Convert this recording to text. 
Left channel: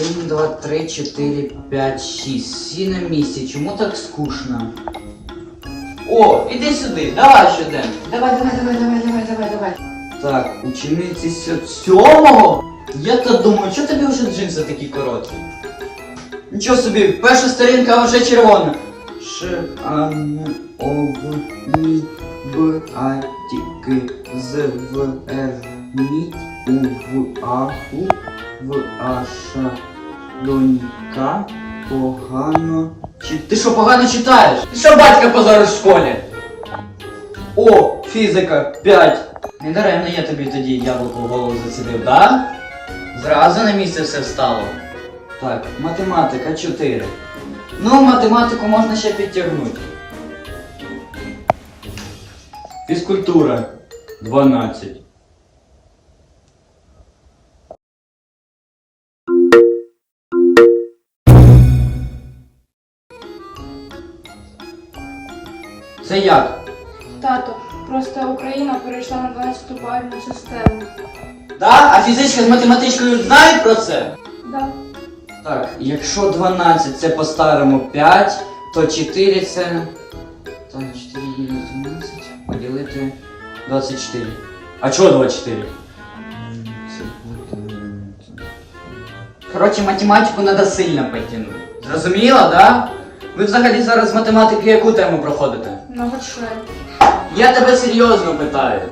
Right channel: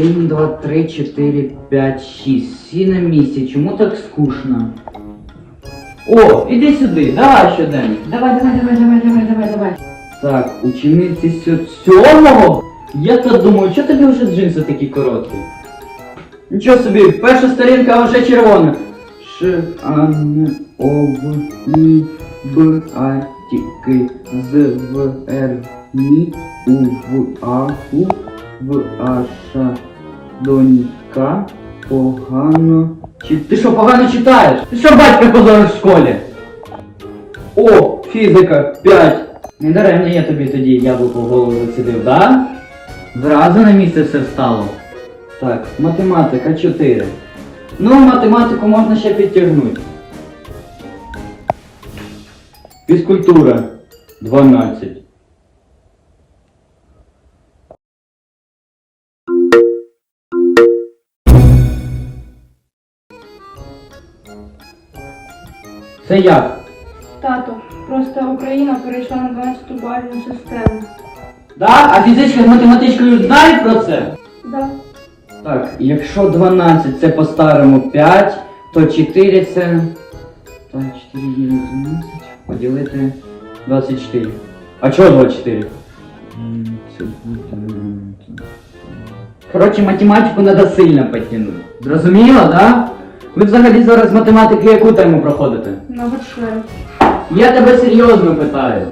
Один, два, три, чотири, п'ять, шість. Всі на місці. Чому так скучно? О, іди сюди, давай щоденник. Давай, давай, давай, давай, давай, давай, давай. Так, учениці сьо- сьомого? Я то думаю, чого тобі вже джинси такі короткі? Нічого собі, перша сторінка вже червона. Ш, А, Н, О, В, Ні, Б, А, Т, К, З, В, Р, Ні, У, В, А, У, В, А, Ш, Донька, погано. Чи ти що погано читаєш? Ти що батька позориш в школі? О, фізика 5. Не даремно я тобі тоді яблуко в голову зацідив, да? Зразу на місце все встало. Так, математика 4. Ну, математику можна ще підтягнути. Фізкультура 12. Це як? Тато, просто Україна перейшла на 12 бальну систему. Да? А фізичка з математичкою знають про це? Да. Так, якщо 12 це по-старому 5, то 4 це. Так, 4 мінус 12 поділити 24. А чого 24? Це буде. Коротше, математику треба сильно підтягнути. Зрозуміло, да? Ви взагалі зараз з математики яку тему проходите? Ну членів. Я тебе серйозно питаю.